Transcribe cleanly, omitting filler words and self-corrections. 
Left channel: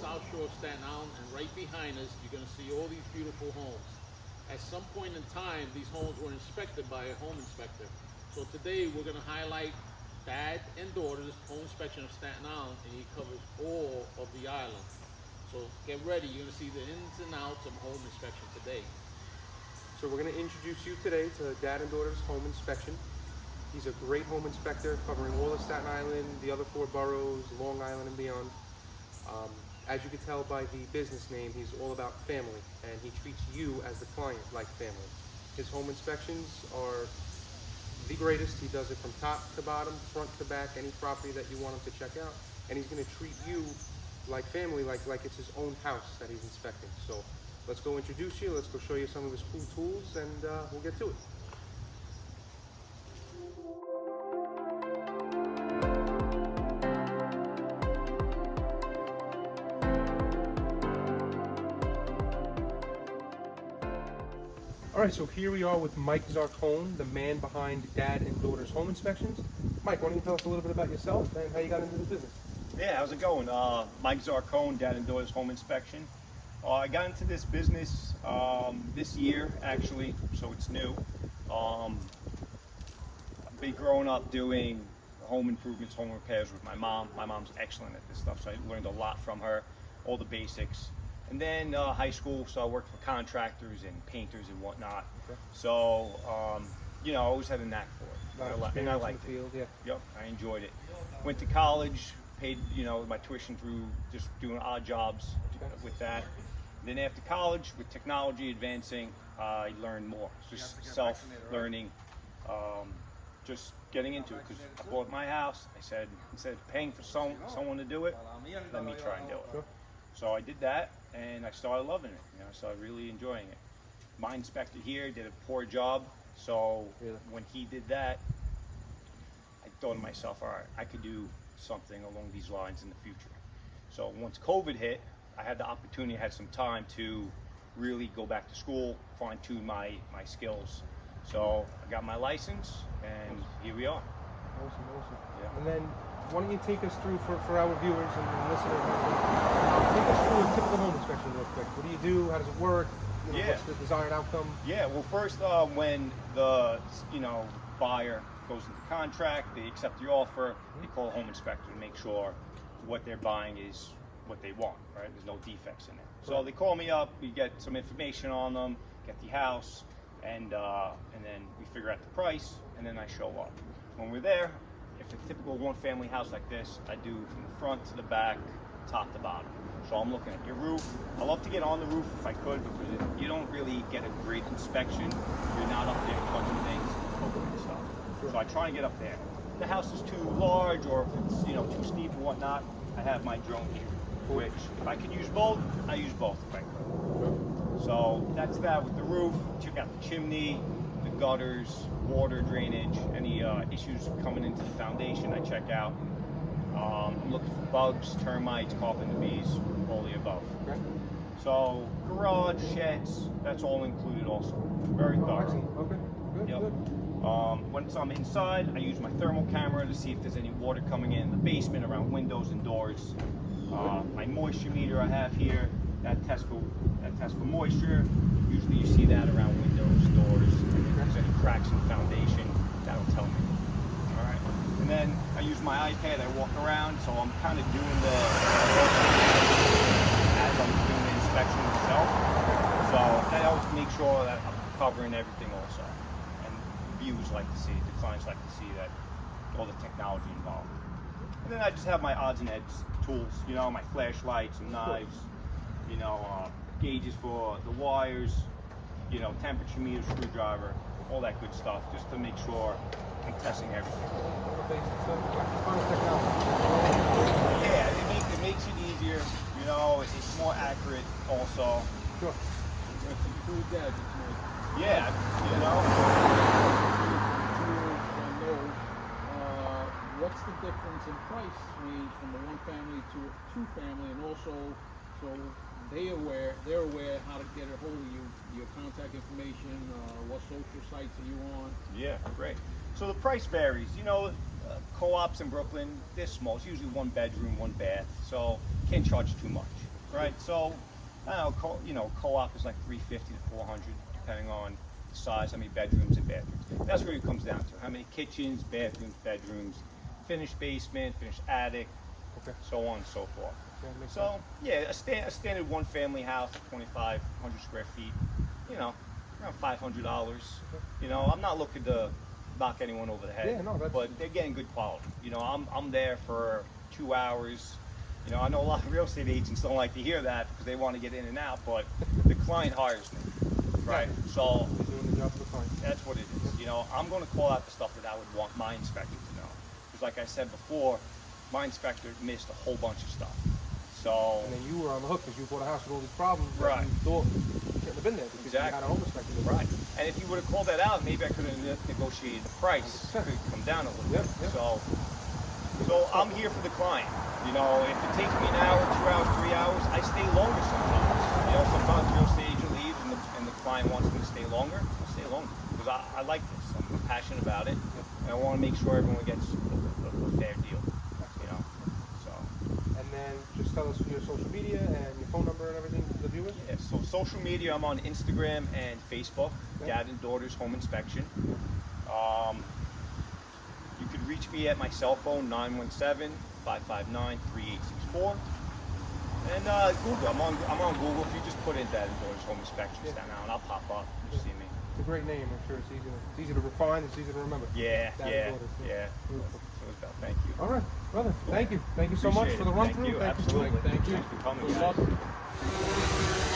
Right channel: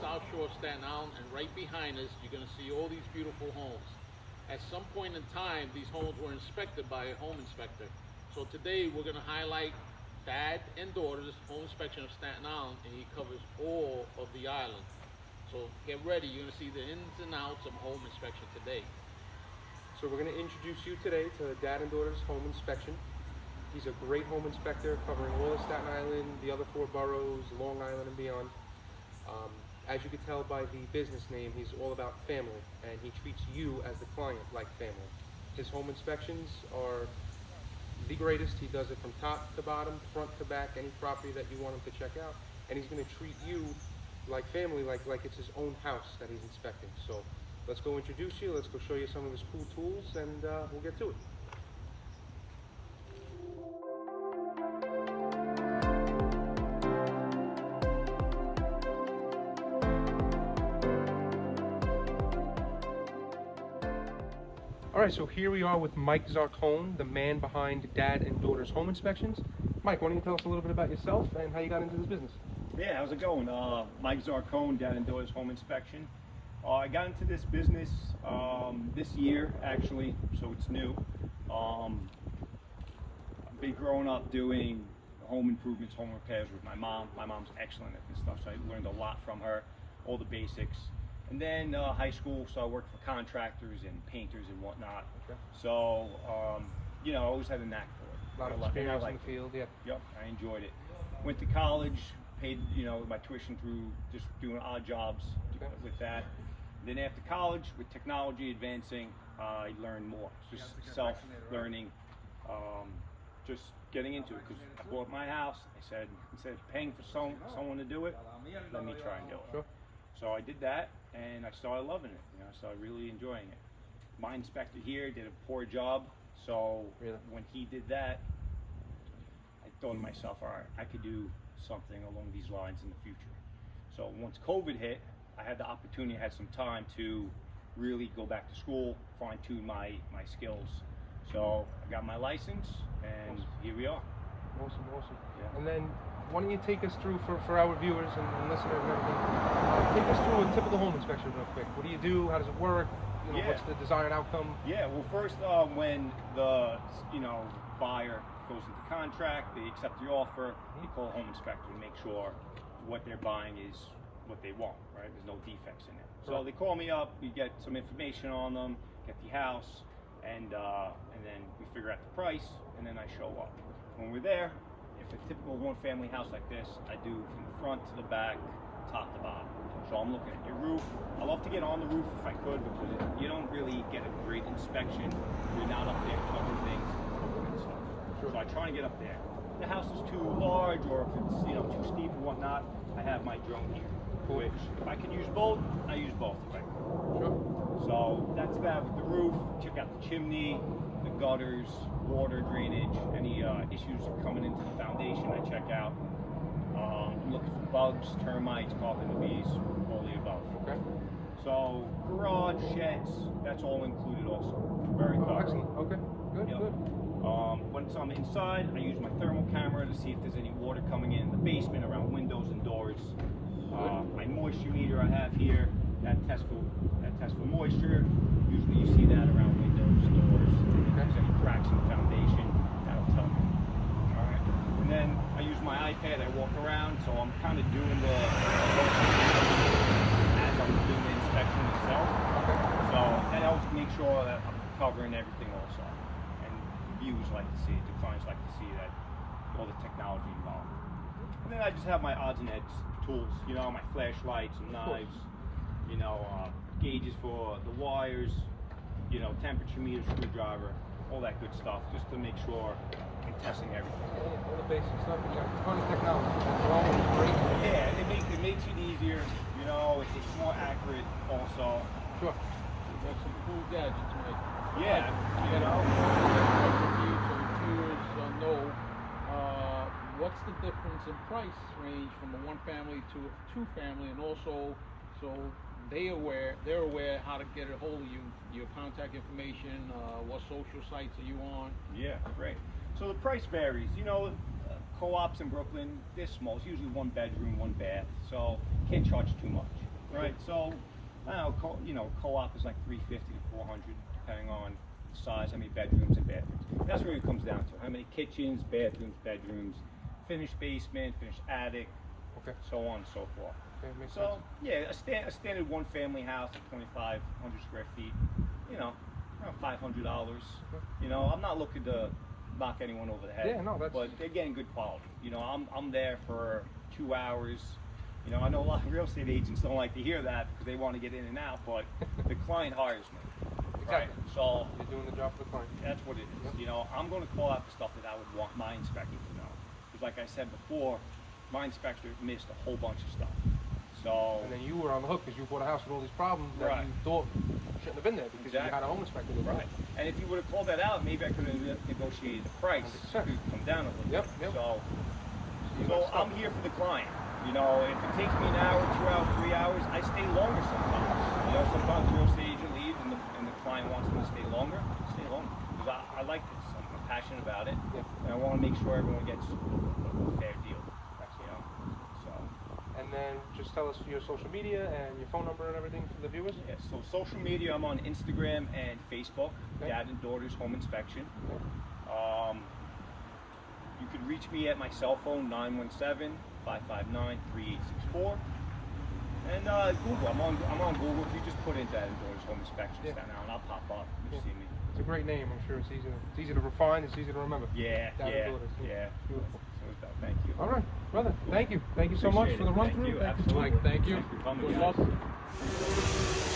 South Shore of Staten Island, and right behind us, you're going to see all these beautiful homes. At some point in time, these homes were inspected by a home inspector. So today, we're going to highlight Dad and Daughter's Home Inspection of Staten Island, and he covers all of the island. So get ready, you're going to see the ins and outs of home inspection today. So we're going to introduce you today to Dad and Daughter's Home Inspection. He's a great home inspector covering all of Staten Island, the other 4 boroughs, Long Island and beyond. As you can tell by the business name, he's all about family, and he treats you as the client like family. His home inspections are the greatest. He does it from top to bottom, front to back, any property that you want him to check out, and he's going to treat you like family, like it's his own house that he's inspecting. So let's go introduce you, let's go show you some of his cool tools, and we'll get to it. All right, so here we are with Mike Zarcone, the man behind Dad and Daughter's Home Inspections. Mike, why don't you tell us a little bit about yourself and how you got into this business? Yeah, how's it going? Mike Zarcone, Dad and Daughter's Home Inspection. I got into this business this year, actually, so it's new. I've been growing up doing home improvements, home repairs with my mom. My mom's excellent at this stuff, so I learned a lot from her, all the basics. And then high school, so I worked for contractors and painters and whatnot. Okay. So, you know, I always had a knack for it. A lot of experience in the field, yeah. Yep, I enjoyed it. Went to college, paid, you know, my tuition through just doing odd jobs with that. Then after college, with technology advancing, I learned more. Just self-learning, just getting into it. Because I bought my house, I said, instead of paying for someone to do it, let me try and do it. Sure. So I did that, and I started loving it. You know, so I really enjoying it. My inspector here did a poor job, so when he did that, I thought to myself, all right, I could do something along these lines in the future. So once COVID hit, I had the opportunity, I had some time to really go back to school, fine-tune my skills. So I got my license, and here we are. Awesome. Yeah. And then why don't you take us through, for our viewers and listeners and everything, take us through a typical home inspection real quick. What do you do? How does it work? You know, what's the desired outcome? Yeah, well first when the buyer goes into contract, they accept the offer, they call a home inspector to make sure what they're buying is what they want, right? There's no defects in it. So they call me up, we get some information on them, get the house, and then we figure out the price, and then I show up. When we're there, if a typical one-family house like this, I do from the front to the back, top to bottom. So I'm looking at your roof. I love to get on the roof if I could, because you don't really get a great inspection. You're not up there touching things, poking and stuff. So I try and get up there. If the house is too large, or if it's too steep and whatnot, I have my drone here. Which, if I can use both, I use both if I could. Sure. So that's that with the roof. Check out the chimney, the gutters, water drainage, any issues coming into the foundation I check out. I'm looking for bugs, termites, carpenter bees, all the above. Okay. So garage, sheds, that's all included also. Very thorough. Excellent. Okay. Good. Good. Once I'm inside, I use my thermal camera to see if there's any water coming in the basement, around windows and doors. My moisture meter I have here, that tests for moisture. Usually you see that around windows, doors. If there's any cracks in the foundation, that'll tell me. All right. And then I use my iPad, I walk around, so I'm kind of doing the course as I'm doing the inspection itself. Okay. So that helps make sure that I'm covering everything also. And viewers like to see, the clients like to see that all the technology involved. And then I just have my odds and ends tools, my flashlights and knives, gauges for the wires, temperature meter, screwdriver, all that good stuff, just to make sure I'm testing everything. Yeah, all the basic stuff. You got a ton of technology. That's growing, it's great. Yeah, it makes it easier, it's more accurate also. Sure. Some cool gadgets, Mike. Yeah, What's the difference in price range from a one family to a two family, and also so they're aware how to get a hold of you, your contact information, what social sites are you on? Yeah, great. So the price varies. Co-ops in Brooklyn, they're small. It's usually one bedroom, one bath, so can't charge too much. right? So, I don't know, co-op is like 350 to 400, depending on the size, how many bedrooms and bathrooms. That's where it comes down to. How many kitchens, bathrooms, bedrooms, finished basement, finished attic, Okay. so on and so forth. Okay, makes So, sense. yeah, a standard one-family house, 2,500 square feet, around $500. I'm not looking to knock anyone over the head. Yeah, no, that's- But they're getting good quality. I'm there for 2 hours. I know a lot of real estate agents don't like to hear that because they want to get in and out, but the client hires me, right? Exactly. So You're doing the job for the client. that's what it is. I'm going to call out the stuff that I would want my inspector to know. Because like I said before, my inspector missed a whole bunch of stuff. So And then you were on the hook because you bought a house with all these problems that Right. you thought shouldn't have been there because you Exactly. had a home inspector there. right. And if you would have called that out, maybe I could have negotiated the price. 100%. Could come down a little Yep, bit. yep. So messed up. I'm here for the client. If it takes me an hour, 2 hours, 3 hours, I stay longer sometimes. Sometimes the real estate agent leaves and the client wants me to stay longer. I stay longer because I like this. I'm passionate about it, Yep. and I want to make sure everyone gets a fair deal. So. And then just tell us your social media and your phone number and everything for the viewers. Yeah, so social media, I'm on Instagram and Facebook, Okay. Dad and Daughters Home Inspection. Yep. You can reach me at my cell phone, 917-559-3864. And Google, I'm on Google. If you just put in Dad and Daughters Home Inspection, Yeah. Staten Island, I'll pop up. You Yeah. see me. It's a great name. I'm sure it's easy to refine. It's easy to remember. Yeah, Dad and Daughters, yeah. Beautiful. So, thank you. All right, brother. Thank you. Thank you so much Appreciate for the it. run Thank through. you. Thank you. Absolutely. Mike, thank you. Thanks for coming, Good guys. luck.